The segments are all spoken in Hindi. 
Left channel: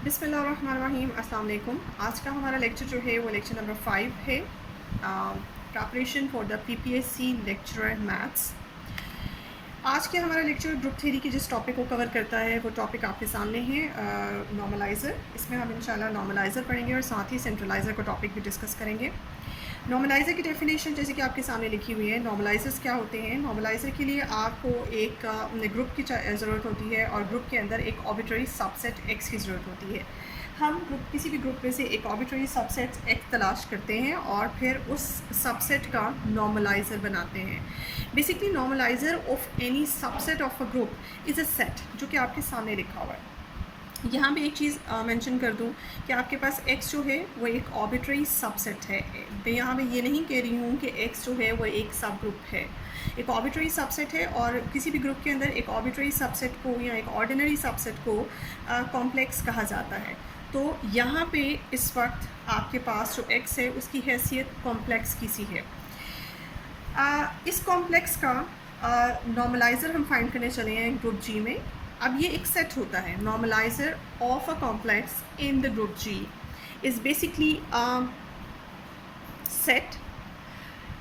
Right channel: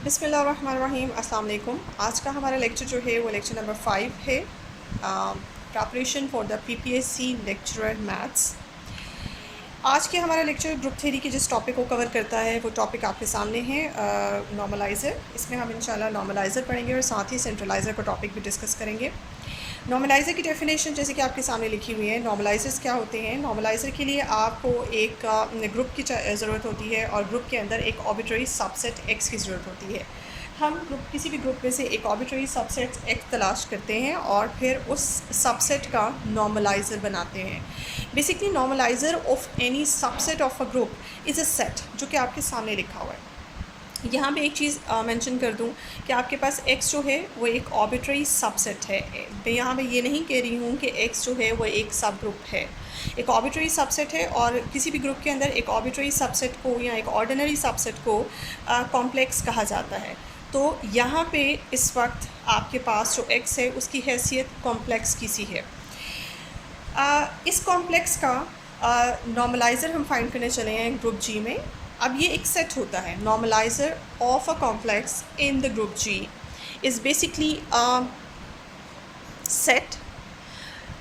बिस्मिल्लाहिर्रहमानिर्रहीम, अस्सलाम वालेकुम। आज का हमारा लेक्चर जो है वो लेक्चर नंबर 5 है, preparation for the PPSC lecturer maths. आज के हमारा लेक्चर ग्रुप थ्योरी के जिस टॉपिक को कवर करता है वो टॉपिक आपके सामने है, नॉर्मलाइज़र। इसमें हम इंशाल्लाह नॉर्मलाइज़र पढ़ेंगे और साथ ही सेंट्रलाइज़र का टॉपिक भी डिस्कस करेंगे। नॉर्मलाइज़र की डेफिनेशन जैसे कि आपके सामने लिखी हुई है। नॉर्मलाइज़र्स क्या होते हैं? नॉर्मलाइज़र के लिए आपको एक ग्रुप की ज़रूरत होती है और ग्रुप के अंदर एक आर्बिट्रेरी सबसेट एक्स की ज़रूरत होती है। हम किसी भी ग्रुप में से एक आर्बिट्रेरी सबसेट एक्स तलाश करते हैं और फिर उस सबसेट का नॉर्मलाइज़र बनाते हैं। Basically normaliser of any subset of a group is a set, जो कि आपके सामने लिखा हुआ है। यहाँ पे एक चीज़ मेंशन कर दूँ कि आपके पास x जो है वो एक आर्बिट्रेरी सबसेट है। मैं यहाँ पे ये नहीं कह रही हूँ कि x जो है वो एक सब ग्रुप है, एक आर्बिट्रेरी सबसेट है। और किसी भी ग्रुप के अंदर एक आर्बिट्रेरी सबसेट को या एक ऑर्डिनरी सबसेट को कॉम्प्लेक्स कहा जाता है। तो यहाँ पे इस वक्त आपके पास जो x है उसकी हैसियत कॉम्प्लेक्स की सी है। इस कॉम्प्लेक्स का नॉर्मलाइज़र हम फाइंड करने चले हैं ग्रुप जी में। अब ये एक सेट होता है, normaliser of a complex in the group G is basically set.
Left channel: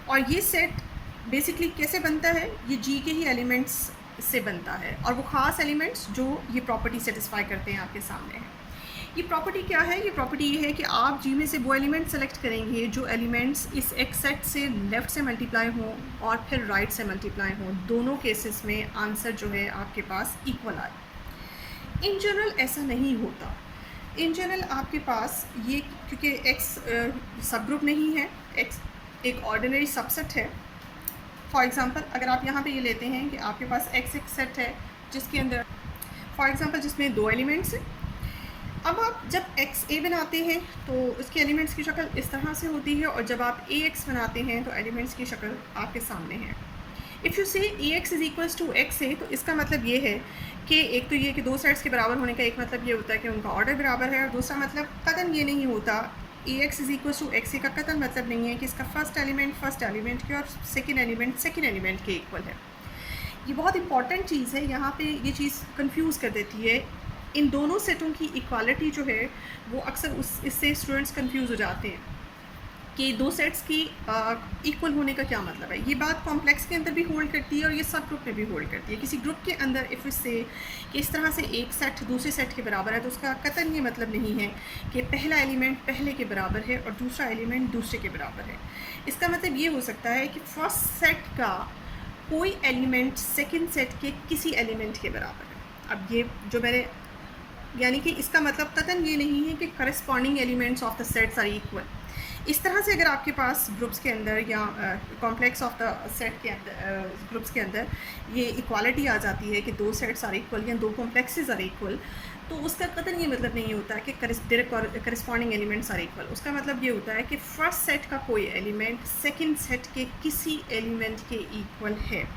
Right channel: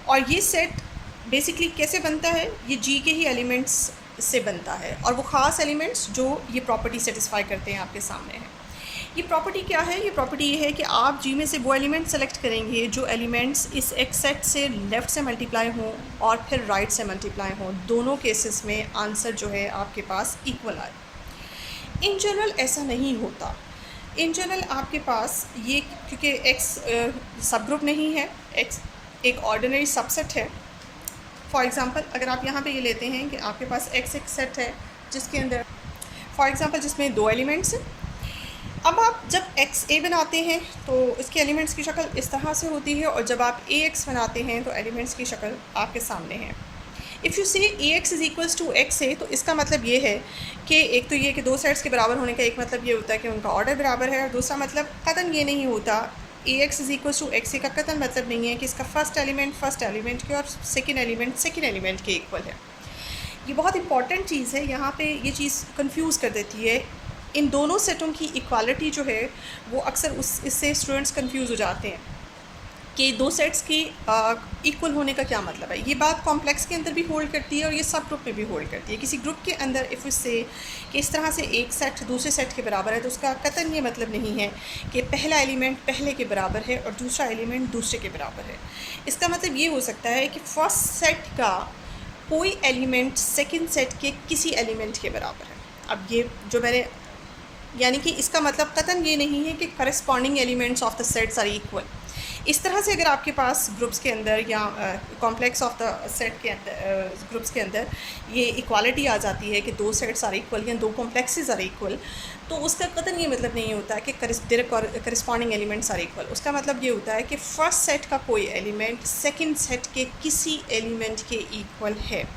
और ये सेट बेसिकली कैसे बनता है? ये जी के ही एलिमेंट्स से बनता है और वो ख़ास एलिमेंट्स जो ये प्रॉपर्टी सेटिस्फाई करते हैं आपके सामने है। ये प्रॉपर्टी क्या है? ये प्रॉपर्टी ये है कि आप जी में से वो एलिमेंट सेलेक्ट करेंगे जो एलिमेंट्स इस एक सेट से लेफ़्ट से मल्टीप्लाई हों और फिर राइट से मल्टीप्लाई हों। दोनों केसेस में आंसर जो है आपके पास इक्वल आए। इन जनरल ऐसा नहीं होता। इन जनरल आपके पास ये, क्योंकि एक्स सब ग्रुप नहीं है, एक्स एक ऑर्डिनरी सबसेट है। फॉर एग्ज़ाम्पल अगर आप यहाँ पे ये लेते हैं कि आपके पास एक्स एक सेट है जिसके अंदर फॉर एग्ज़ाम्पल जिसमें दो एलिमेंट्स हैं। अब आप जब एक्स ए बनाते हैं तो इसके एलिमेंट्स की शक्ल इस तरह से होती है, और जब आप ए एक्स बनाते हैं तो एलिमेंट्स की शक्ल आपके सामने है। If you say a x is equals to x a, तो इसका मतलब ये है कि एक तो ये कि दो सेट्स के बराबर होने का एक मतलब ये होता है कि उनका ऑर्डर बराबर है, और दूसरा मतलब कतन ये नहीं होता a x is equals to x a का कतन मतलब नहीं है कि इसका फर्स्ट एलिमेंट के और सेकेंड एलिमेंट के इक्वल है। ये बहुत इंपॉर्टेंट चीज़ है, यहाँ पे ये चीज़ कंफ्यूज कर देती है। इन दोनों सेटों की इक्वालिटी जो है वो अक्सर इससे स्टूडेंट्स कंफ्यूज हो जाते हैं कि दो सेट्स की इक्वल होने का क्या मतलब है। ये बात कॉम्प्लेक्स के अंदर भी होल्ड करती है और ये सब ग्रुप में भी होल्ड करती है। किसी ग्रुप के अंदर इफ़ इससे कि इस तरह से एक सेट दूसरे सेट के बराबर है तो उसका कतई ये मतलब नहीं है कि पहला एलिमेंट पहले के बराबर है और दूसरा एलिमेंट दूसरे के बराबर है। इसका मतलब ये हो सकता है कि फर्स्ट सेट का कोई एलिमेंट सेकेंड सेट के किसी एलिमेंट के बराबर है। अब ये जो मैंने, यानी कि इसका मतलब कतन ये नहीं है कि corresponding elements of the sets are equal. इस तरह से अगर आपके पास ग्रुप्स के अंदर या कॉम्प्लेक्स ऑफ द सेट के अंदर ग्रुप्स के अंदर ये इक्वालिटी आ जाती है कि दो सेट्स आर इक्वल या दो कॉम्प्लेक्सेस आर इक्वल, तो उसका कतन ये मतलब नहीं होता कि करस्पॉन्डिंग एलिमेंट्स आर इक्वल। उसका मतलब ये होता है कि फर्स्ट सेट का कोई एलिमेंट सेकेंड सेट के किसी एलिमेंट के इक्वल है।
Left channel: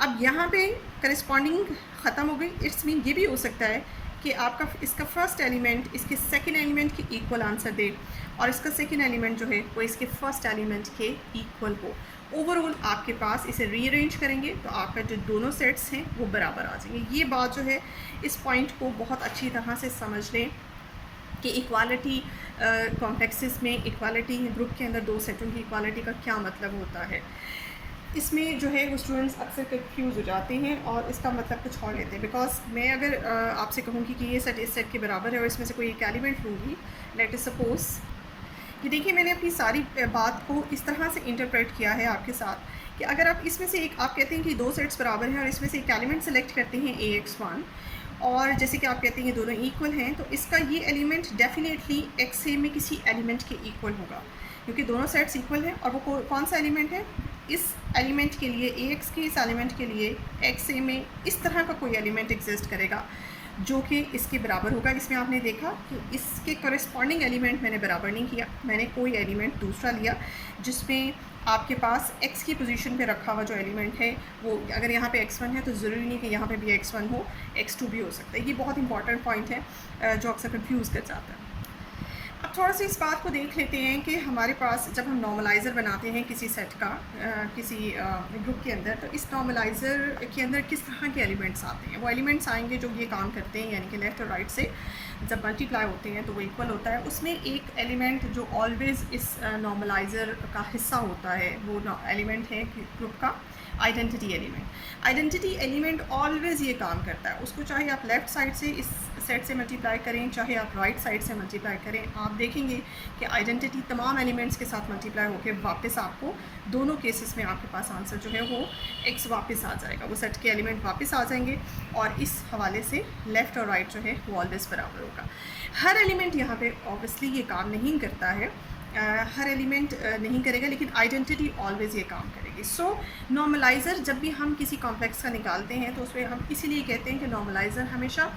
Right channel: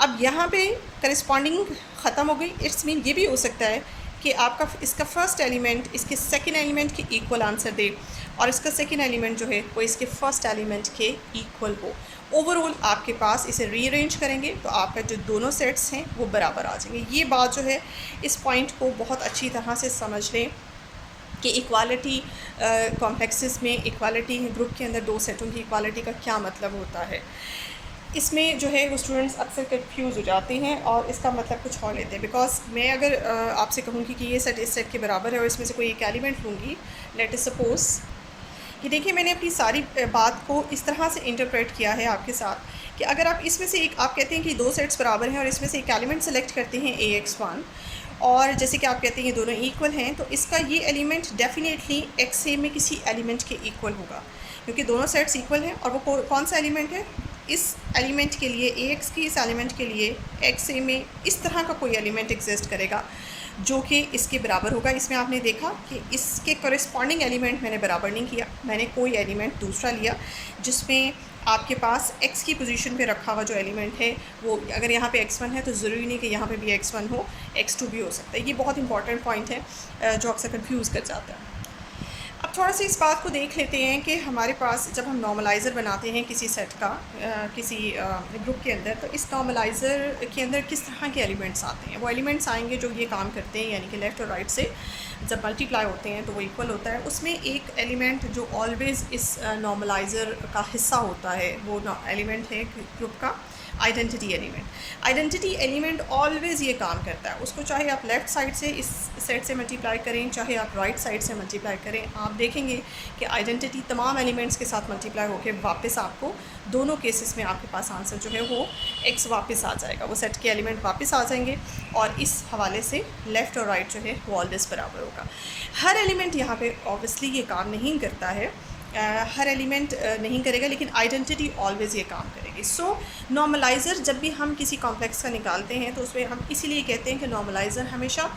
अब यहाँ पे करस्पॉन्डिंग ख़त्म हो गई। इट्स मीन ये भी हो सकता है कि आपका इसका फर्स्ट एलिमेंट इसके सेकेंड एलिमेंट के इक्वल आंसर दे और इसका सेकेंड एलिमेंट जो है वो इसके फर्स्ट एलिमेंट के इक्वल हो। ओवरऑल आपके पास इसे रीअरेंज करेंगे तो आपका जो दोनों सेट्स हैं वो बराबर आ जाएंगे। ये बात जो है, इस पॉइंट को बहुत अच्छी तरह से समझ लें कि इक्वालिटी कॉम्प्लेक्सेस में इक्वालिटी ग्रुप के अंदर दो सेटों की इक्वालिटी का क्या मतलब होता है। इसमें जो है वो स्टूडेंट्स अक्सर कंफ्यूज हो जाते हैं और इसका मतलब कुछ और लेते हैं। बिकॉज मैं अगर आपसे कहूँगी कि ये सेट इस सेट के बराबर है और इसमें से कोई एक एलिमेंट लूँगी, लेट अस सपोज कि देखिए मैंने अपनी सारी बात को इस तरह से इंटरप्रेट किया है आपके साथ कि अगर आप इसमें से एक, आप कहते हैं कि दो सेट्स बराबर हैं और इसमें से एक एलिमेंट सेलेक्ट करते हैं AX1, और जैसे कि आप कहते हैं ये दोनों इक्वल हैं, तो इसका ये एलिमेंट डेफिनेटली XA में किसी एलिमेंट के इक्वल होगा, क्योंकि दोनों सेट्स इक्वल हैं। और वो कौन सा एलिमेंट है? इस एलिमेंट के लिए AX के इस एलिमेंट के लिए XA में इस तरह का कोई एलिमेंट एग्जिस्ट करेगा जो कि इसके बराबर होगा। इसमें आपने देखा कि इसके कॉरेस्पॉन्डिंग एलिमेंट मैंने बराबर नहीं किया, मैंने कोई एलिमेंट दूसरा लिया जिसमें आपके पास x की पोजीशन पे रखा हुआ जो एलिमेंट है वो, अगर यहाँ पे x1 है तो ज़रूरी नहीं कि यहाँ पे भी x1 हो, x2 भी हो सकता है। ये बहुत इंपॉर्टेंट पॉइंट है जो अक्सर कंफ्यूज कर जाता है। अब थोड़ा सा इस बात को देख लेते हैं कि हमारे पास जब हम नॉर्मलाइज़र बनाते हैं किसी सेट का किसी ग्रुप के अंदर, तो इस नॉर्मलाइज़र के अंदर किस तरह के एलिमेंट्स आते हैं। वो एलिमेंट्स आएंगे जो ये काम करते हैं, यानी कि लेफ़्ट और राइट से जब मल्टीप्लाई होते हैं तो वो इक्वल होता है। उसमें एक एलिमेंट जो ऑलवेज़ इस नॉर्मलाइज़र का हिस्सा होता है, वो एलिमेंट है ग्रुप का identity element. Identity element always ये काम करता है, उसको चाहे आप लेफ़्ट साइड से इस सेट से मल्टीप्लाई करें, चाहे आप राइट साइड से मल्टीप्लाई करें, आप देखेंगे कि आइडेंटिटी तमाम एलिमेंट्स के साथ मल्टीप्लाई होकर वापस आपको दोनों केसेस में आपके पास आंसर जो है वो x वापस आ जाएगा, वो सेट के एलिमेंट वापस आ जाएंगे और इस हवाले से लेफ़्ट और राइट जो है वो ऑलवेज़ बराबर होगा। हर एलिमेंट यहाँ पे ऑब्वियसली ये काम नहीं करता है, हर एलिमेंट नहीं करेगा, लेकिन आइडेंटिटी ऑलवेज़ ये काम करेगी। सो नॉर्मलाइज़र जब भी हम किसी कॉम्प्लेक्स का निकालते हैं तो उसमें हम इसीलिए कहते हैं कि नॉर्मलाइज़र हमेशा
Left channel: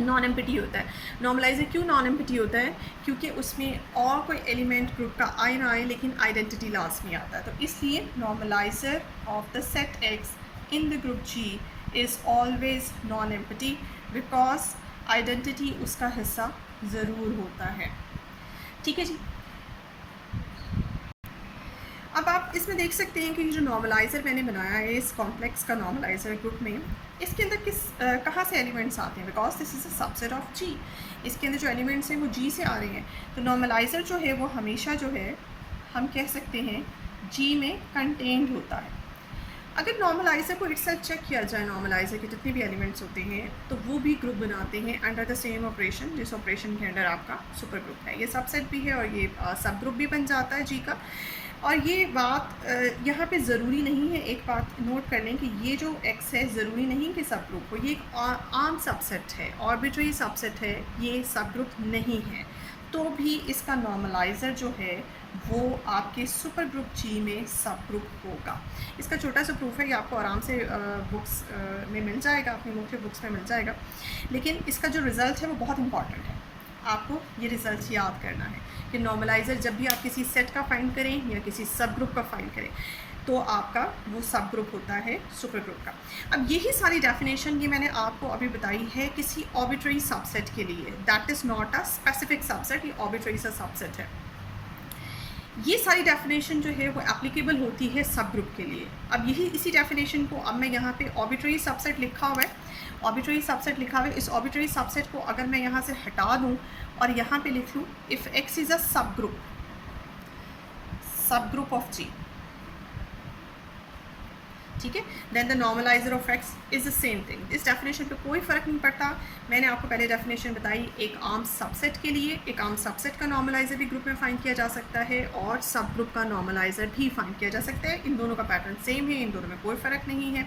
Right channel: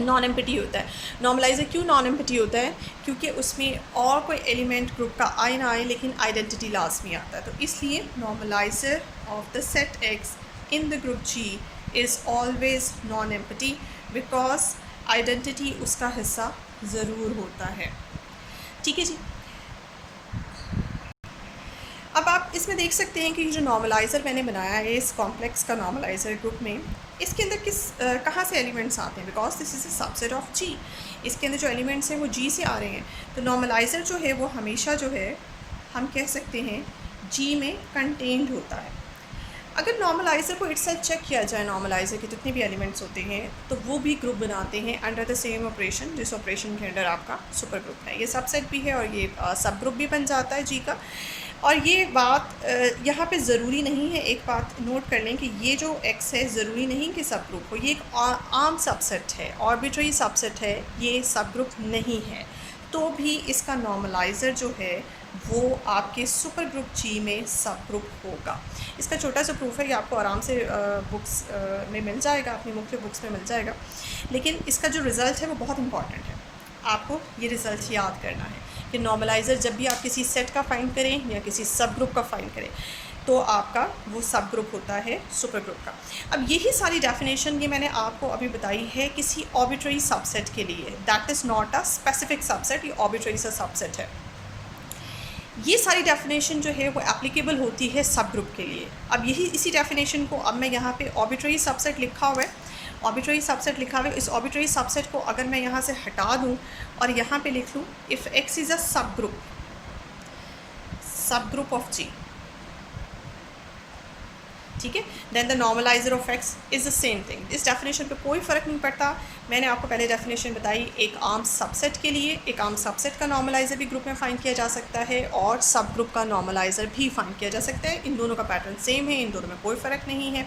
नॉन एम्प्टी होता है। नॉर्मलाइज़र क्यों नॉन एम्प्टी होता है? क्योंकि उसमें और कोई एलिमेंट ग्रुप का आए ना आए, लेकिन आइडेंटिटी लाजमी आता है। तो इसलिए normaliser of the set x in the group G is always non empty because identity उसका हिस्सा ज़रूर होता है। ठीक है जी। अब आप इसमें देख सकते हैं कि जो नॉर्मलाइज़र मैंने बनाया है इस कॉम्प्लेक्स का नॉर्मलाइज़र ग्रुप में, इसके अंदर कहाँ से एलिमेंट्स आते हैं, because this is a subset of G। इसके अंदर जो एलिमेंट्स हैं वो G से आ रहे हैं। तो नॉर्मलाइज़र जो है वो हमेशा जो है हम कह सकते हैं G में कंटेन्ड होता है। अगर नॉर्मलाइज़र को इटसेल्फ चेक किया जाए, नॉर्मलाइज़र के जितने भी एलिमेंट्स होते हैं तो वो भी ग्रुप बनाते हैं अंडर द सेम ऑपरेशन, जिस ऑपरेशन के अंडर आपका सुपर ग्रुप है। ये सबसेट भी है और ये सब ग्रुप भी बन जाता है G का। और ये बात यहाँ पे ज़रूरी नहीं है, एक बात नोट कर लें कि ये जो x है ज़रूरी नहीं कि सब ग्रुप हो, ये एक आम सबसेट है, आर्बिट्रेरी सबसेट है, ये सब ग्रुप नहीं है। तो भी इसका नॉर्मलाइज़र जो है वो आपके सुपर ग्रुप G में सब ग्रुप होगा। इसका छोटा सा प्रूफ है, ये आपको आराम से बुक्स में मिल जाएगा, अपनी मुख्तलिफ बुक्स में मिल जाएगा, लेकिन इसका जो रिज़ल्ट है वो बहुत इंपॉर्टेंट है। आपको ये रिज़ल्ट याद करना है कि नॉर्मलाइज़र जब भी आप किसी सेट का फाइंड करें या किसी सब ग्रुप का फाइंड करें तो आपका वो सब ग्रुप होता है सुपर ग्रुप का। अब यही सारी डेफिनेशन ये मैंने आपको अभी बताई है किसी आर्बिट्रेरी सबसेट के लिए, that is not a specific subset, ये आर्बिट्रेरी सा सबसेट है। ये सारी डेफिनेशन जो है वो एप्लीकेबल होती है सब ग्रुप के लिए। अब यही इसी डेफिनेशन को अब मैं यहाँ पे आर्बिट्रेरी सबसेट लिखा हुआ है, आर्बिट्रेरी सबसेट लिखा हुआ है, इस आर्बिट्रेरी सबसेट को अगर मैं यहाँ से हटा दूँ और यहाँ पे लिख लूँ इफ़ x इज़ अ सब ग्रुप ऑफ G, ठीक है, then the normaliser of x is the same thing. इस डेफिनेशन पे कोई फ़र्क नहीं पड़ता। मैंने आपको पहले डेफिनेशन बताई, एक आम सबसेट के लिए एक आम सबसेट का नॉर्मलाइज़र भी ग्रुप में फाइंड किया जा सकता है और सब ग्रुप का नॉर्मलाइज़र भी फाइंड किया जा सकता है। इन दोनों का पैटर्न सेम है, इन दोनों में कोई फ़र्क नहीं है।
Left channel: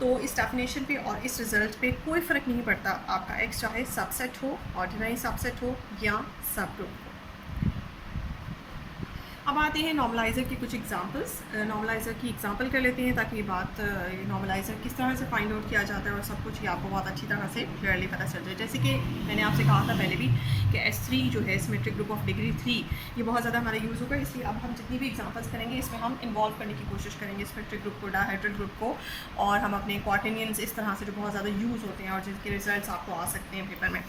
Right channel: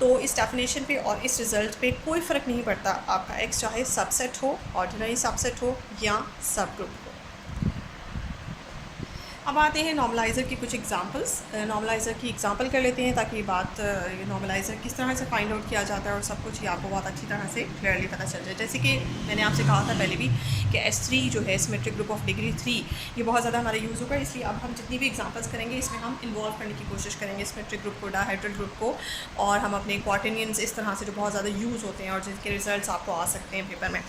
तो इस डेफिनेशन पे और इस रिज़ल्ट पे कोई फ़र्क नहीं पड़ता, आपका x चाहे सबसेट हो, ऑर्डिनरी सबसेट हो या सब ग्रुप हो। अब आते हैं नॉर्मलाइज़र की कुछ एग्जांपल्स। नॉर्मलाइज़र की एग्जांपल कर लेते हैं ताकि बात ये नॉर्मलाइज़र किस तरह से फाइंड आउट किया जाता है और सब कुछ ये आपको बहुत अच्छी तरह से क्लियरली पता चल जाए। जैसे कि मैंने आपसे कहा था पहले भी कि S3 जो है सिमेट्रिक ग्रुप ऑफ डिग्री 3, ये बहुत ज़्यादा हमारा यूज़ होगा, इसलिए अब हम जितनी भी एग्जांपल्स करेंगे इसमें हम इन्वॉल्व करने की कोशिश करेंगे सिमेट्रिक ग्रुप को, डायहेड्रल ग्रुप को, और हम अपने क्वार्टेनियंस इस तरह से जो बहुत ज़्यादा यूज़ होते हैं और जिनके रिजल्ट्स आपको आ सकते हैं पेपर में।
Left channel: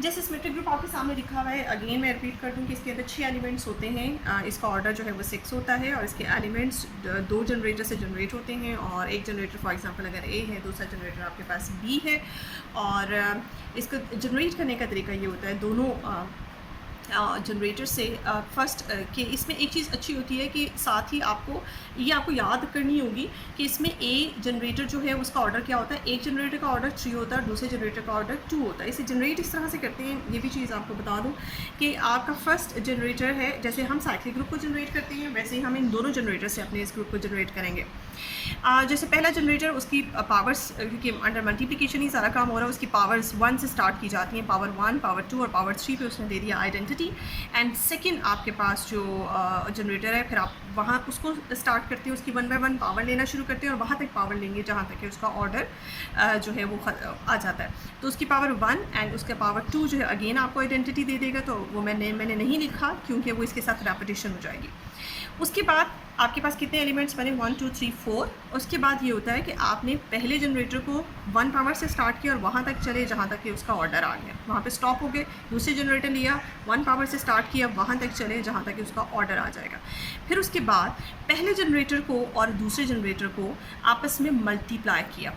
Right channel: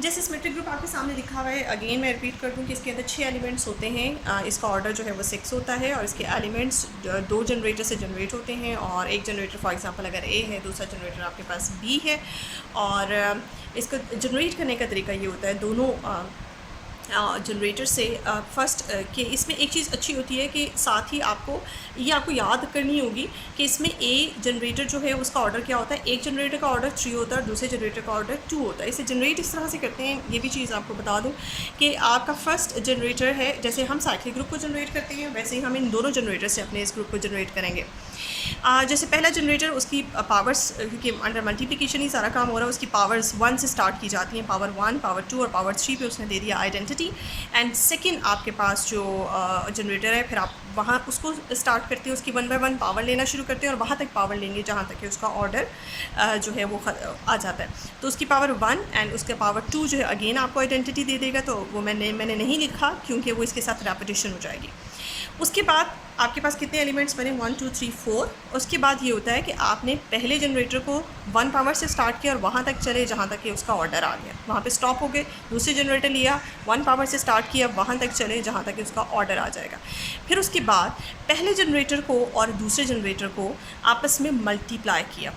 जैसे सिमेट्रिक ग्रुप आपके सामने लिखा हुआ है, अगेन मैं रिपीट कर दूँ कि इसके अंदर 6 एलिमेंट्स होते हैं, इसका ऑर्डर जो है वो 6 होता है और इसके एलिमेंट्स 2 जनरेटर से जनरेट होते हैं और एक जनरेटर फॉर एग्जांपल अगर A है, दूसरा जनरेटर आपके पास B है, और इसको जनरेट करने का तरीका ये होता है दोनों जनरेटर से फर्स्ट कि इसमें एक चीज़ अच्छी होती है कि साथ ही आपको याद करनी होगी कि इसमें A जनरेटर जो है उसका ऑर्डर क्या होता है, एक जनरेटर का ऑर्डर 3 होता है और दूसरे जनरेटर का ऑर्डर 2 होता है। इसे जनरेट इस तरह से करते हैं, ये भी चीज़ आपको बता दूं कि आपका फर्स्ट जनरेटर है, जैसे हम साइक्लिक ग्रुप को जनरेट करते हैं वैसे ही हम इन दोनों जनरेटर से अपने इस ग्रुप को जनरेट करेंगे। जैसे पहला जनरेटर उसकी पावर्स, क्योंकि अंडर मल्टीप्लिकेशन ही सारा काम हो रहा है, उसकी पावर्स 1 से स्टार्ट की जाती हैं, पावर 1, पावर 2 और पावर 3 पे उसने दे दिया आइडेंटिटी। एंड सेकंड आपके पास जो जनरेटर है, फिर आप वहाँ उसको स्टार्ट करते हैं, उसकी 1 बाय 1 पावर लेना शुरू करते हैं और वहाँ तक पावर लेंगे जहाँ तक कि उसका ऑर्डर जो है वो आ जाता है। तो उसकी पावर 1 एंड उसके पावर 2 जो है अगेन आपको आइडेंटिटी दे देगा, तो वो मैंने नहीं लिखा क्योंकि वो इसके साथ रेपिटेशन हो जाएगी। उसके बाद आपके पास कितने एलिमेंट्स बने, 1 2 3 4। उसके बाद ये होता है कि आपने पहले जनरेटर को 1 पावर से स्टार्ट किया और वहाँ तक चले जहाँ तक कि उसका ऑर्डर आ गया, वहाँ पे स्टॉप हो गए। दूसरे जनरेटर लिया, 1 पावर से स्टार्ट किया, वहाँ तक चले जहाँ तक कि उसका ऑर्डर आ जाएगा। फिर उसके बाद पहले जनरेटर को और दूसरे जनरेटर को आपस में मल्टीप्लाई किया।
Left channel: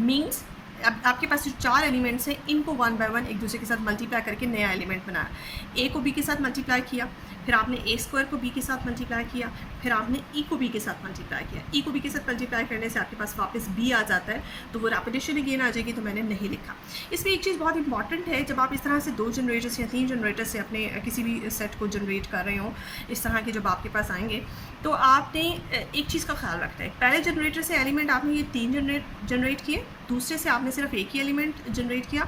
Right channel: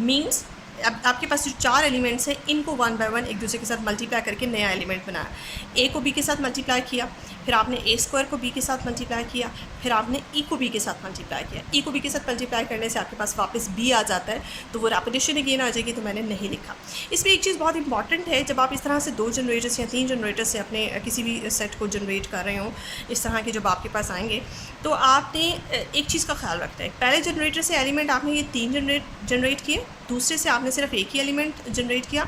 मीन्स अब आपके पास जो 4 एलिमेंट्स हैं इनको 1 बाय 1 एक दूसरे के साथ मल्टीप्लाई करके नया एलिमेंट बनाया। ए को बी के साथ मल्टीप्लाई किया, फिर आपने ए स्क्वायर को बी के साथ मल्टीप्लाई किया, फिर आपने ई को बी के साथ मल्टीप्लाई किया। ई को बी के साथ मल्टीप्लाई करने से आपके पास वापस बी आ जाता है, तो वो रेपिटेशन अगेन आ जाएगी, तो मैंने नहीं लिखा। इसमें एक चीज़ बहुत इंपॉर्टेंट है, जब आप इस तरह से 2 जनरेटर्स या 3 जनरेटर्स से अपने किसी भी सेट को जनरेट कर रहे हो, इस तरह के जब आपके पास आएंगे, तो आपने एक चीज़ का ख्याल रखना है। पहले जनरेटर से एलिमेंट आपने ये 3 जनरेट किए, दूसरे से आपने सिर्फ एक ही एलिमेंट जनरेट किया।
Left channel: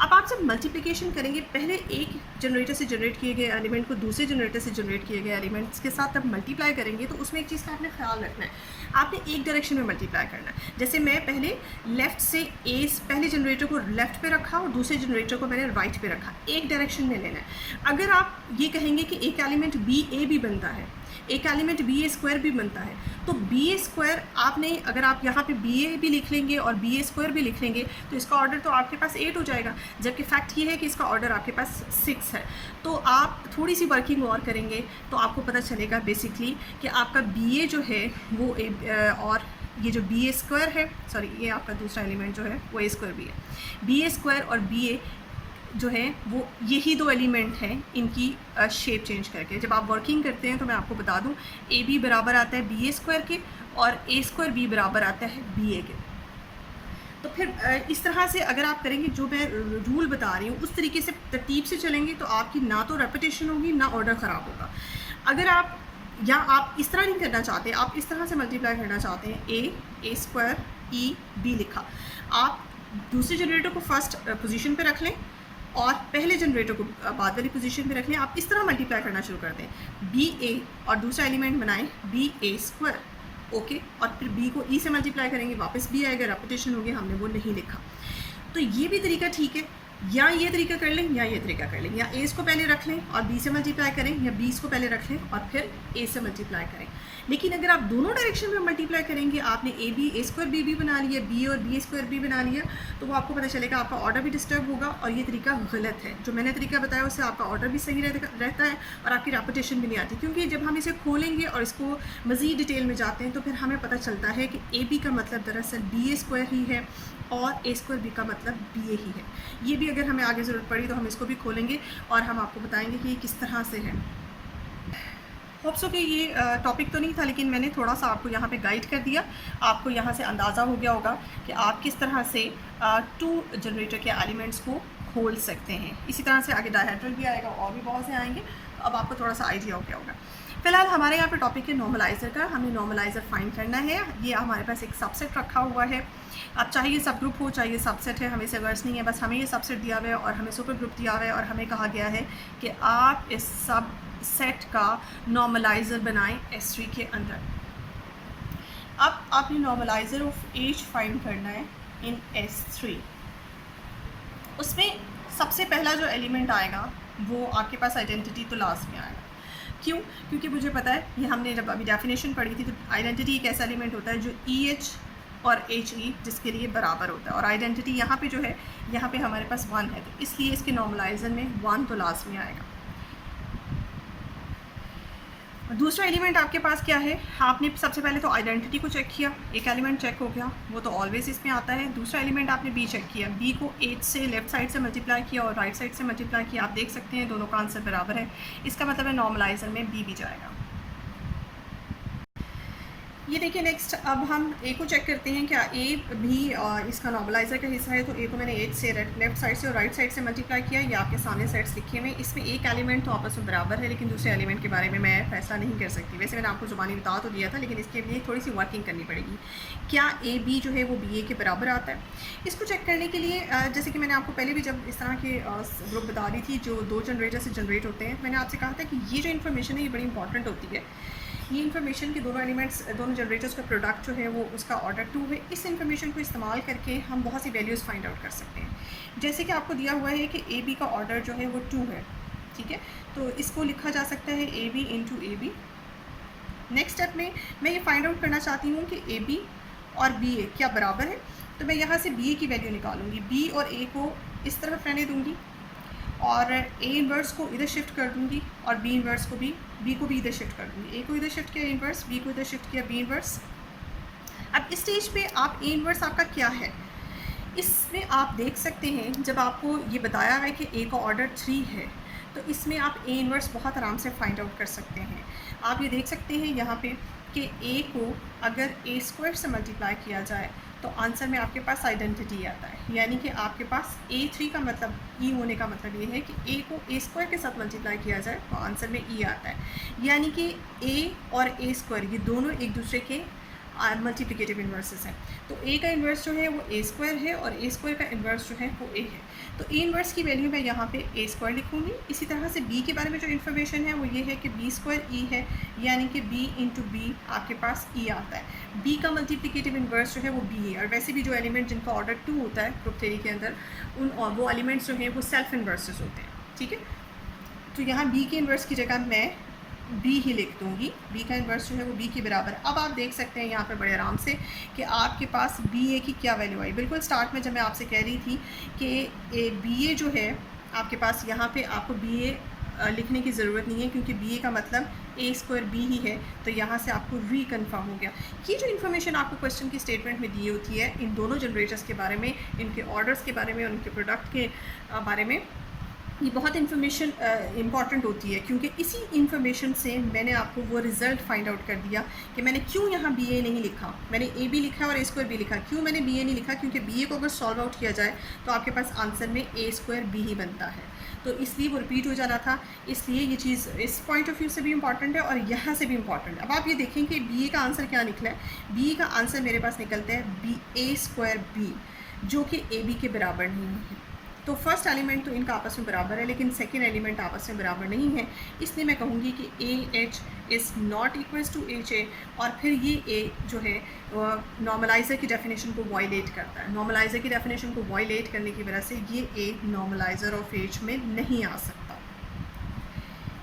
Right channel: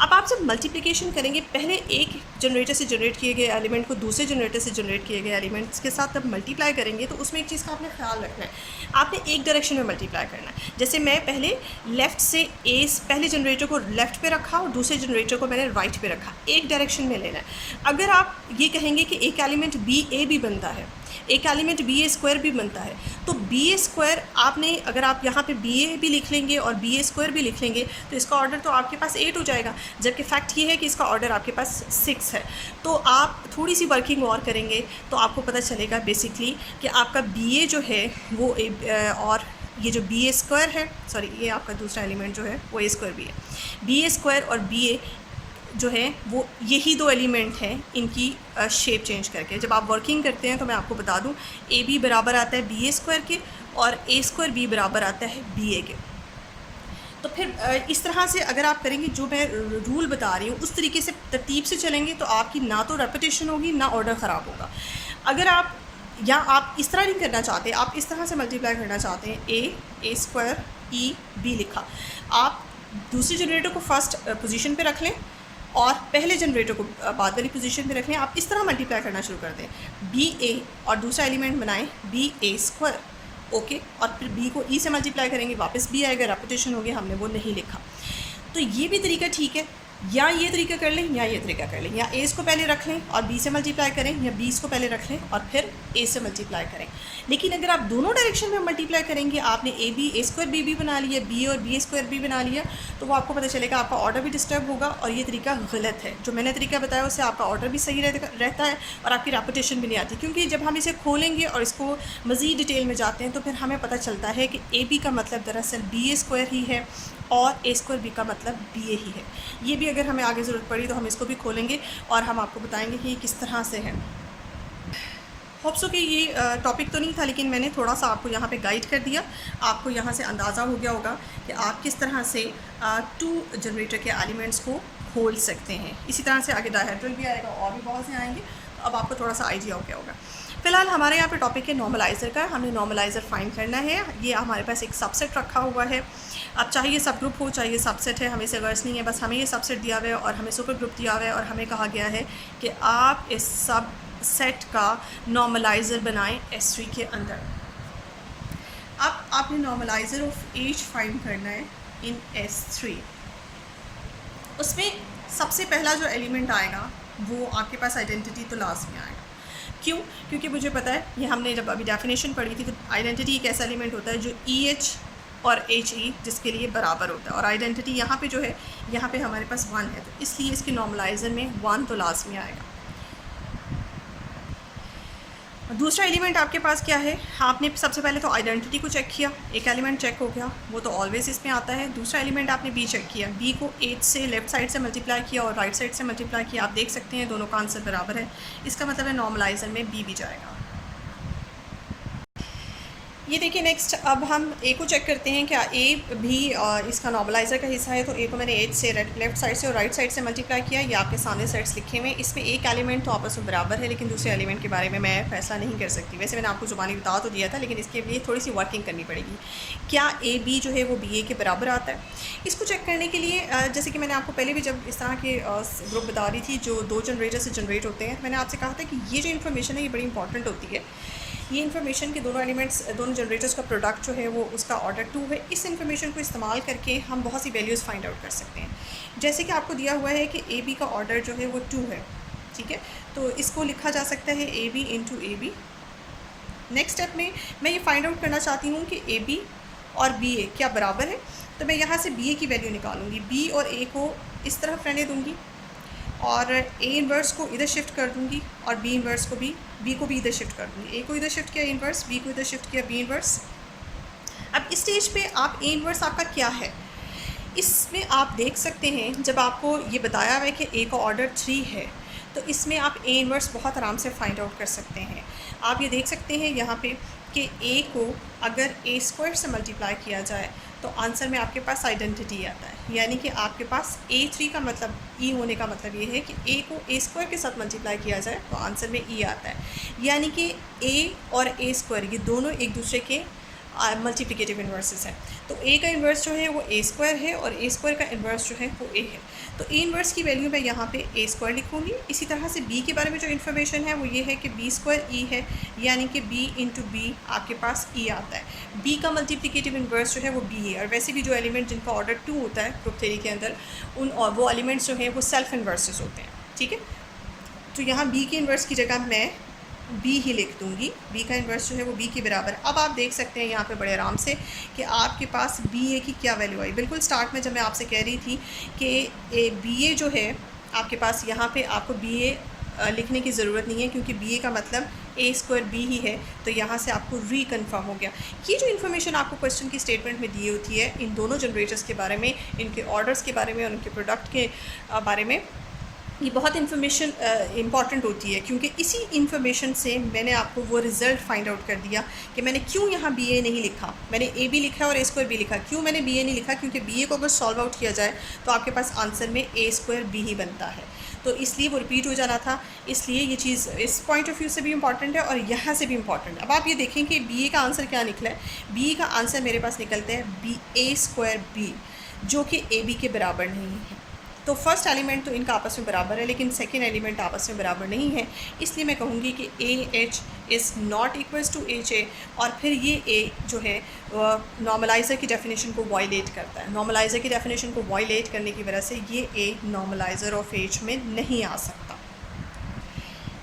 अब आप जब मल्टीप्लिकेशन करेंगे, पहले एक जनरेटर से जनरेट किए गए एलिमेंट को दूसरे जनरेटर से जनरेट किए गए एलिमेंट्स के साथ जब मल्टीप्लाई करेंगे, तो उसमें एक चीज़ का आपने ख्याल रखना है, आपने एक डायरेक्शन में मल्टीप्लाई करना है। जैसे मैं पहले लेफ़्ट से पहले जनरेटर को लेफ़्ट पे रखा और दूसरे जनरेटर को मैंने राइट पे रखा, एक डायरेक्शन में लेना है। अगर आप ये कहेंगे कि एक एलिमेंट बी ए भी बनता है, एक एलिमेंट बी ए स्क्वायर भी बनता है, तो बी ए स्क्वायर आपने, अगर आप यहाँ पे बी ए भी लिख लेंगे और बी ए स्क्वायर भी लिख लेंगे, तो इसका ऑर्डर तो आपके पास 8 हो जाएगा, जबकि फैक्ट ये है कि इसका ऑर्डर आपके पास 6 है। तो आप थोड़ी सी वर्किंग और करेंगे तो आपको पता चलेगा बेसिकली कि आपका बी ए जो है वो और ये जो बी ए स्क्वायर है, सॉरी ये आपका दूसरा एलिमेंट जो है वो ए स्क्वायर भी है, बी ए स्क्वायर और बी ए जो है वो यही 2 एलिमेंट हैं, इनकी शेप चेंज करके जब आप वर्किंग करते हैं, तो मैं आपको बता दूं ए बी बराबर आता है बी ए स्क्वायर के और ए स्क्वायर बी बराबर आता है बी ए के। तो फिर इस तरह से अगर आप करेंगे, जो मैं रूल बता रही हूँ उस तरीके से तरतीब से चलेंगे, तो आपकी ना तो रेपिटेशन होगी ना ऑर्डर ख़राब होगा। अगर आप या आप इस तरह नहीं करना चाहते, आप इस तरह से मल्टीप्लाई करना चाहते हैं, ए स्क्वायर ई बी लिखा, आप दूसरे जनरेटर को फर्स्ट पोजीशन पे रख लें और पहले जनरेटर को बाद वाली पोजीशन पे रख लें। आप इस तरह मल्टीप्लाई करना शुरू कर दें, बी ए और दूसरा एलिमेंट बनाएं बी ए स्क्वायर, ओके, और फिर बी को ई से मल्टीप्लाई करेंगे, वापस बी आएगा, रेपिटेशन हो गया, हमने वो नहीं लिखा। तो ये भी तरीका ठीक है, या ये तरीका कर लें या ये तरीका कर लें, या ए को पहले रख लें और बी से मल्टीप्लाई करें, या बी को पहले रख लें और फिर ए से मल्टीप्लाई करें। लेकिन अगर आप दोनों डायरेक्शन में मल्टीप्लाई करेंगे, आपने ए स्क्वायर बी भी बना लिया, बी और बी स्क्वायर भी बना लिया, तो वो आपको पता चलेगा आपका ऑर्डर भी डिस्टर्ब होगा और ये तरीका गलत है। जो मैंने तरीका बताया उससे आपका ऑर्डर भी सही रहता है और आपकी रेपिटेशन भी नहीं आती, क्योंकि जब हम इसे खोलेंगे और इसको मज़ीद डिटेल में जाते हैं, तो फिर हमें पता चलता है कि ए बी का मतलब दरअसल बी ए स्क्वायर ही है और ए स्क्वायर बी का मतलब बी ए ही है। ये भी अगर हमें आगे ज़रूरत पड़ी तो हम इसको भी खोलेंगे और हम आपको बताएंगे कि ये किस तरह से है। होप सो कि ये टॉपिक तो नहीं था, लेकिन मैंने थोड़ा सा आपको यहाँ पे गाइड कर दिया। आपको यहाँ से अंदाज़ा हो गया होगा कि आप किस तरह से 2 जनरेटर के एलिमेंट्स को खोल सकते हैं। इसी तरह से आगे डायहेड्रल भी आएगा और भी बहुत से आएंगे, तो अब आपको थोड़ा सा आइडिया हो गया होगा। फ़िलहाल हमारे यहाँ पे टॉपिक है नॉर्मलाइज़र का। हमने नॉर्मलाइज़र फाइंड करना है। ये हमारे पास एक सबसेट रखा हुआ है। अब चाहे ये सब ग्रुप हो चाहे ये सबसेट है, हमें इसे गर्ज नहीं है, बस हमें ये सबसेट दिया हुआ है और हमें सुपर ग्रुप दिया हुआ है और हमें कहा गया है कि आप इस सब सेट का नॉर्मलाइज़र बनाएं S3 के अंदर। अब आपने नॉर्मलाइज़र ऑफ एज फाइंड करना है इन S3। उसमें सबसे पहला जो एलिमेंट आएगा वो आपके पास आइडेंटिटी तो लाजमी आएगा। क्यों? क्योंकि मुझे पता है, ये हमने जब अभी डेफिनेशन पढ़ी थी, तो आइडेंटिटी एक ऐसा एलिमेंट होता है जो EH और HE जिसके लिए बराबर होता है, और आइडेंटिटी यहाँ पे जो है, यहाँ पे हमारे पास 1 है, तो इसलिए इसके नॉर्मलाइज़र में 1 तो लाजमी आएगा। दूसरा एलिमेंट आपके पास क्या है? आपने सबसे पहले तो आइडेंटिटी को चेक किया, एक एलिमेंट चेक हो गया, वो तो ऑलवेज़ इसमें आता है। दूसरा एलिमेंट आपने बी चेक किया, बी को 8 से लेफ़्ट साइड से मल्टीप्लाई किया और राइट साइड से मल्टीप्लाई किया। आप देख सकते हैं दोनों का आंसर बराबर है, इसका मतलब है नॉर्मलाइज़र में बी भी जाएगा। ये देखिए नेक्स्ट, अब हम ए को चेक करते हैं, क्या ए भी इसका नॉर्मलाइज़र का हिस्सा है। तो ए को मैंने 8 से लेफ़्ट साइड से और राइट साइड से मल्टीप्लाई किया। ये आपके सामने सेट्स लिखे हुए हैं, इसमें एक एलिमेंट तो आपस में बराबर है, लेकिन दूसरे एलिमेंट के बारे में मैं फैसला नहीं कर सकती। वैसे मैंने आपको ज़ुबानी बता तो दिया था, लेकिन इसके लिए थोड़ी सी वर्किंग करनी पड़ेगी। क्या ए बी जो है वो बी ए के बराबर आता है? इसको चेक करने के लिए जैसे कि मैंने आपको पहले भी जब इस तरह के ग्रुप बता रही थी जो 2 जनरेटर से जनरेट होते हैं, मैंने आपसे कहा था कि ये जो इन्फॉर्मेशन है ये बड़ी इंपॉर्टेंट होती है। ये इन्फॉर्मेशन के दोनों एलिमेंट्स, दोनों जनरेटर्स का प्रोडक्ट जो है वो उसका ऑर्डर 2 है। इस इन्फॉर्मेशन को इस्तेमाल करके हम बहुत सी वैल्यूज़ फाइंड आउट कर सकते हैं। जैसे कि आपको दिया हुआ है कि ए बी का ऑर्डर जो है वो 2 है, ठीक है, तो इसको लिखा जा सकता है A B into A B, next step में मैं ये फाइंड आउट करना चाहती हूँ कि ए बी और बी ए क्या बराबर है। तो मैं यहाँ से बी ए की वैल्यू निकालूंगी, बी और ए को इस तरफ रहने दूँगी और ए इन्वर्स को इधर शिफ्ट कर दूँगी और बी इन्वर्स को बी को भी इधर शिफ्ट कर दूँगी। ए को इधर शिफ्ट किया इन्वर्स, बी को इधर शिफ्ट किया बी इन्वर्स। अब इस स्टेज पे आप ए इन्वर्स आपका क्या है, इसमें आप देख सकते हैं जब आपको ये बताया हुआ है कि ए का ऑर्डर 3 है तो इसमें आप ए इन्वर्स बहुत आराम से फाइंड आउट कर सकते हैं। आप ये देख सकते हैं यहाँ पे कि ए को अगर ए स्क्वायर से मल्टीप्लाई किया जाए तो आंसर में आपके पास आइडेंटिटी आता है, यानी कि आपके पास A3 का मतलब ई होने का मतलब ये है कि ए को ए स्क्वायर के साथ मल्टीप्लाई किया जाए तो आंसर में ई आता है, यानी कि ए और ए स्क्वायर ये दोनों एक दूसरे के मल्टीप्लिकेटिव इन्वर्सेस हैं। तो ए का इन्वर्स जो है वो ए स्क्वायर है और ए स्क्वायर का इन्वर्स जो है वो ए है। तो ए इन्वर्स की वैल्यू मैं यहाँ पे ए स्क्वायर लिखूँगी। इसी तरह से बी के बारे में जो इन्फॉर्मेशन है वो ये है कि बी स्क्वायर ई है, यानी कि बी इंटू बी आपके पास ई आता है। बी का मल्टीप्लिकेटिव इन्वर्स जो है वो बी है, और वैसे भी जो एलिमेंट जिनका ऑर्डर 2 होता है ग्रुप थ्योरी के अंदर वो एलिमेंट्स जो हैं वो सेल्फ इन्वर्सेस होते हैं। ठीक है, तो यहाँ बी के इन्वर्स की जगह मैं बी ही लिख दूँगी, बी का इन्वर्स जो है वो बी के बराबर है। अब आप देख सकते हैं यहाँ पे बड़े आराम से कि आपके पास बी ए की क्या वैल्यू आई। बिल्कुल स्टार्ट में जब मैं आपसे कह रही थी कि बी ए जो है आपके पास, यहाँ पे आपको बी ए लिखने की ज़रूरत नहीं है क्योंकि बी ए का मतलब ए स्क्वायर बी ही है, तो यहाँ से आपको रीकन्फर्म हो गया। ये जो इन्फॉर्मेशन आपको क्वेश्चन की स्टेटमेंट में दी होती है इन दोनों जनरेटर्स के बारे में, इनके ऑर्डर्स के बारे में और उनके प्रोडक्ट के बारे में, ये बहुत इन्फॉर्मेशन इंपॉर्टेंट होती है क्योंकि इसी इन्फॉर्मेशन से मैंने आपको वो रिज़ल्ट फाइंड आउट कर दिया कि मैंने क्यों यहाँ बी ए नहीं लिखा, मैंने ए बी लिखा और ए स्क्वायर बी लिखा। क्यों मैंने बी ए नहीं लिखा, क्योंकि बी ए को अगर सॉल्व आउट किया जाए तो आपके पास आंसर में ए स्क्वायर बी ही बनता है, तो इसलिए वो रिपीट हो जाना था। इसलिए ये चीज़ इस पॉइंट ऑफ व्यू से भी इंपॉर्टेंट है और यहाँ से भी इंपॉर्टेंट है। अब आप ये देखें कि बी ए का आंसर क्या निकला है। बी ए का आंसर मेरे पास निकलता है बी ए स्क्वायर बी, जो कि ए बी के बराबर नहीं है। तो फर्स्ट एलिमेंट तो इनका आपस में बराबर है, लेकिन सेकेंड एलिमेंट आपस में बराबर नहीं है, इसलिए मैं कहूँगी कि A H is not equals to H A. और फिर ये ए जो है नॉर्मलाइज़र की डेफिनेशन को वायलेट करता है। नॉर्मलाइज़र की डेफिनेशन को वायलेट करने की वजह से ये ए नॉर्मलाइज़र ऑफ एच में नहीं आ सकता।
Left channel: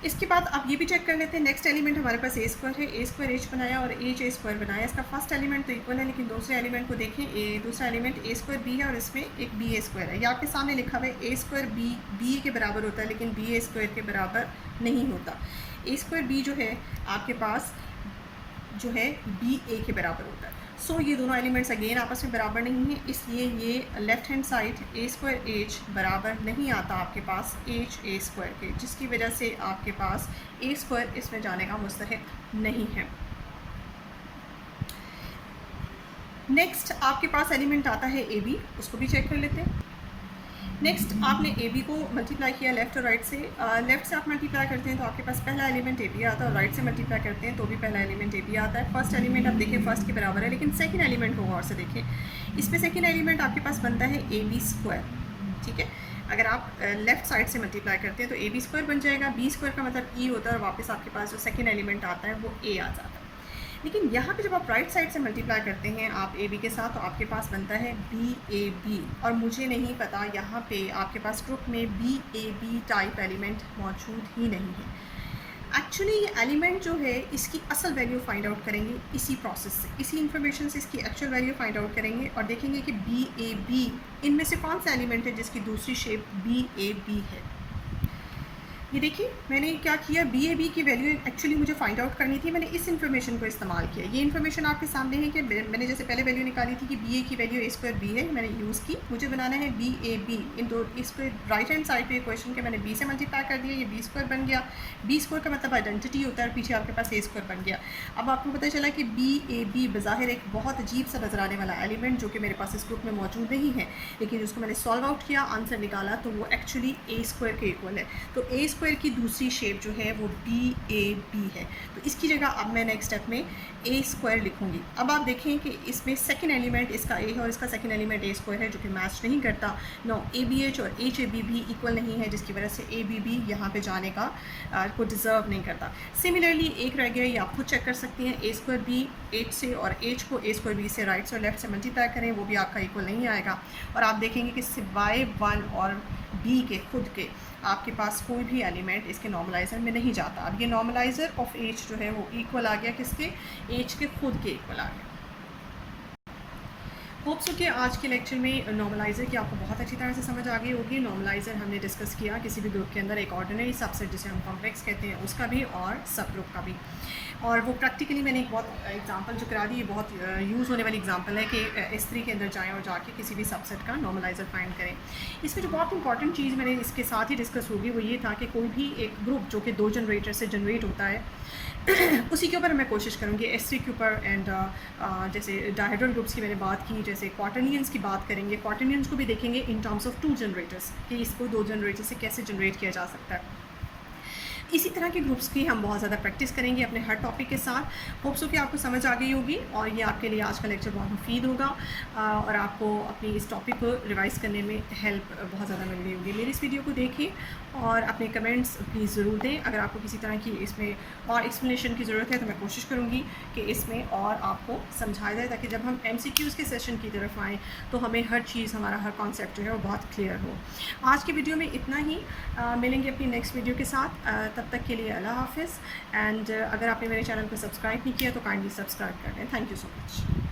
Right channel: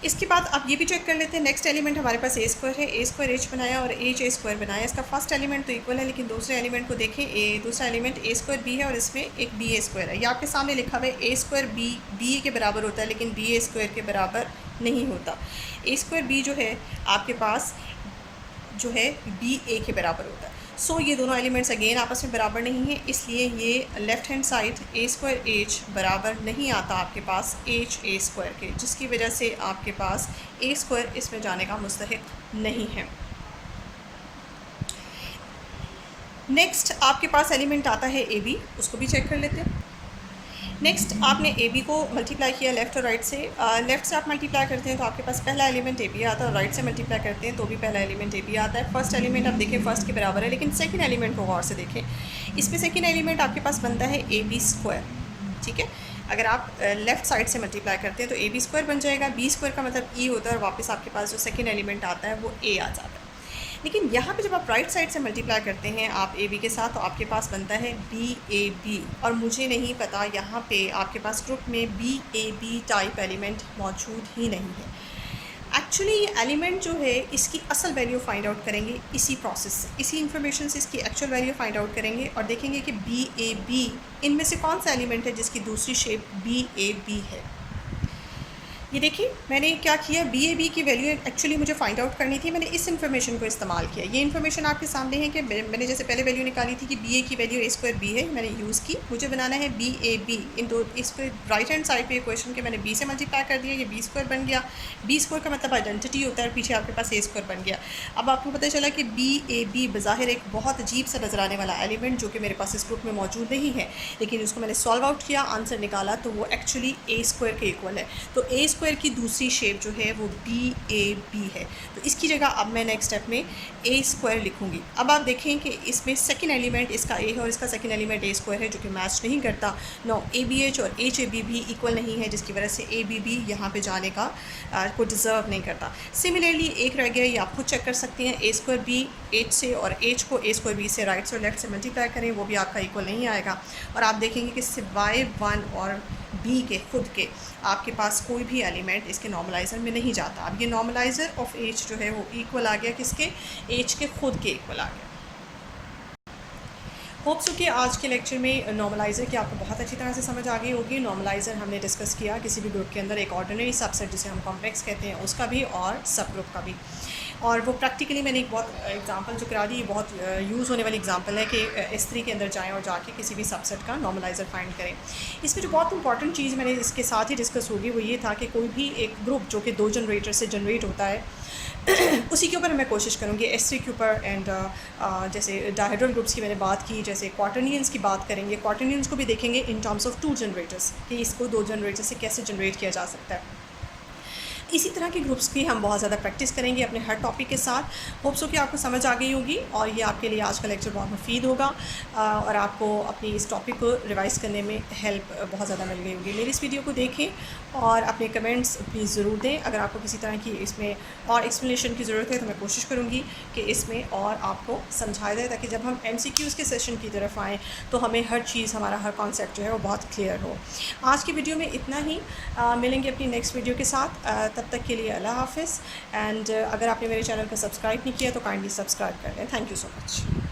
इसके बाद आप ये भी चेक कर लेते हैं, नेक्स्ट एलिमेंट हमारे पास ए स्क्वायर है, ए स्क्वायर एच बनाया और एच ए स्क्वायर बनाया। इसका फर्स्ट एलिमेंट तो इक्वल है, लेकिन दूसरे एलिमेंट को देखें, दूसरा एलिमेंट ए स्क्वायर बी है और इसमें एक बी ए स्क्वायर है। ये आपके सामने लिखा हुआ है ए स्क्वायर बी ए के बराबर होता है, लेकिन बी ए स्क्वायर के बराबर नहीं होता। ए स्क्वायर बी जो है आपके पास जो है बी ए के बराबर होता है। सो ये दोनों एलिमेंट्स अगेन आपस में बराबर नहीं है, इसलिए ये लेफ़्ट हैंड साइड ए स्क्वायर एच बराबर नहीं आता आपके पास एच ए स्क्वायर के, जिसकी वजह से आपके पास ए स्क्वायर इसमें जाने का मुस्तहिक नहीं है। नेक्स्ट आपके पास एलिमेंट आता है ए बी, उसको भी चेक कर लेते हैं। नेक्स्ट आपने ए बी को मल्टीप्लाई किया लेफ़्ट और राइट से। लेफ़्ट से आप मल्टीप्लाई करते हैं तो आपके पास पहला एलिमेंट ए बी आता है, और राइट से मल्टीप्लाई करते हैं तो भी पहला एलिमेंट ए बी आता है। फर्स्ट एलिमेंट आप देखें फर्स्ट के बराबर है, लेकिन सेकंड एलिमेंट को गौर से देखें। इसमें सेकंड एलिमेंट आपके पास बनता है ए बी स्क्वायर। ठीक है, अगर आप लेफ़्ट साइड से मल्टीप्लाई करते हैं तो ए बी स्क्वायर बन जाएगा। बी स्क्वायर का मतलब ई होता है और वापस आपके पास जो सेकेंड एलिमेंट आता है वो ए आ जाता है। लेकिन यहाँ पे जब आप राइट साइड से मल्टीप्लाई करते हैं आप ए बी के साथ, तो आपके पास बनता है बी ए बी, और मुझे नहीं पता यहाँ पे आपके पास ग्रुप में B A B type element मौजूद ही नहीं है। एक्चुअली ये एलिमेंट जो है इसकी असल वैल्यू फाइंड आउट करेंगे इसी प्रोसेस से, इसी इन्फॉर्मेशन से इसकी एक्चुअल वैल्यू फाइंड आउट करेंगे और देखेंगे कि बी ए बी इनमें से कौन सा एलिमेंट है जिसकी दूसरी शेप बी ए बी है। ये देखिए मैंने क्या किया, बी ए बी की वैल्यू एक्चुअली मुझे फाइंड आउट करनी थी, मैंने इस इन्फॉर्मेशन को इस्तेमाल किया। ये इन्फॉर्मेशन आपके सामने है कि मैंने जैसे पहले वैल्यू निकाली थी कि बी ए की वैल्यू ए स्क्वायर बी है, मैंने यूज़ की। मुझे बनाना है बी ए बी, इन दो इसको राइट हैंड साइड पे इक्वेशन के मैंने बी से मल्टीप्लाई कर दिया, ये बी स्क्वायर बन गया। बी स्क्वायर का मतलब आइडेंटिटी होता है, पीछे आपके पास ए स्क्वायर बन गया। अब आपको पता चला कि बी ए बी बज़ाहिर एक बहुत अजीब सा नज़र आने वाला एलिमेंट जो कि मेरे पास इस ग्रुप में मौजूद नहीं है, लेकिन उसको मैंने सॉल्व आउट किया, आंसर निकाला तो वो एक्चुअली ए स्क्वायर के इक्वल है। तो ए स्क्वायर की दूसरी शेप जो है वो बी ए बी है, तो इसकी जगह अब मैं नेक्स्ट स्टेप में ए स्क्वायर लिखूंगी। अब आप देखें कि इसमें सेकंड एलिमेंट इसका ए है और इसका सेकंड एलिमेंट ए स्क्वायर है, जो कि मैच नहीं करता। नो ए बी एच और एच ए बी भी इक्वल नहीं है, जिसकी वजह से ए बी बी यहाँ पे जाने का को डिज़र्व नहीं करता। सिमिलरली एक रह गया, ये आप खुद चेक कर सकते हैं, ए स्क्वायर बी एच से और एच को ए स्क्वायर बी से राइट से और लेफ्ट से मल्टीप्लाई करें, वो भी आपका इक्वल नहीं आएगा। और आप देखेंगे कि सिवाय 1 और बी के खुद के आपके पास कोई भी एलिमेंट इसके नॉर्मलाइज़र में नहीं जाता। अब ये नॉर्मलाइज़र ऑफ एच जो है वो इक्वल आ गया किसके, एच के खुद के इक्वल आ गया। होप सो कि आज के लेक्चर में नॉर्मलाइज़र की आपको बहुत अच्छी तरह से समझ आ गई होगी। नॉर्मलाइज़र हमने डिस्कस किया किसी भी ग्रुप के अंदर एक ऑर्डिनरी सबसेट जिसे हम कॉम्प्लेक्स कहते हैं उसका भी और सब ग्रुप का भी, और वो प्रैक्टिकली मैंने एक बहुत एग्जांपल जो करा दी, ये बहुत यूज़ होने वाली एग्जांपल है कि S3 के अंदर जाएं और जाके किसी भी सबसेट का नॉर्मलाइज़र फाइंड करें। इसमें जो बहुत इंपॉर्टेंट चीज़ मैंने इसके साथ ही डिस्कस होगी वो ये था कि कोई भी एक ग्रुप जो कि 2 जनरेटर से जनरेट होता है उसी के ऊपर मैं कोशिश करूँगी S3 के ऊपर। एंड जैसे डायहेड्रल ग्रुप्स की मैंने बात की, जैसे क्वार्टरनियंस की बात करेंगे, क्वार्टरनियंस को भी देखेंगे इन टर्म्स ऑफ 2 जनरेटर्स कि इसको 2 जनरेटर से कैसे जनरेट किया जा सकता है। इसी तरह के ग्रुप्स की हम बहुत ज़्यादा प्रैक्टिस करेंगे अपने हर टॉपिक के साथ। होप सो कि आपको समझ आ गई होगी और ये आपके लिए आज का लेक्चर बहुत मुफीद होगा और आपको अपनी इस टॉपिक को रिवाइज़ करने में हेल्प बहुत ज़्यादा मिल गई होगी। मेरी इस वीडियो को देखें और अपने कमेंट्स प्लीज़ ज़रूर दें। अगर आपको किसी तरह की इसमें और एक्सप्लेनेशन की ज़रूरत है तो मैं कोशिश करूँगी कि इसमें और आपको समझाया जाए, ताकि जब हम MCQs के सेशन की तरफ आएँ तो हमें हर चीज़, हमारा हर कॉन्सेप्ट जो है वो बहुत क्लियर हो। आज की वीडियो में इतना ही, मिलेंगे अपनी नेक्स्ट वीडियो के साथ। तब तक के लिए अल्लाह हाफ़िज़। एंड अगर आपने मेरे चैनल को सब्सक्राइब नहीं किया तो काइंडली सब्सक्राइब कर लें। Thank you so much.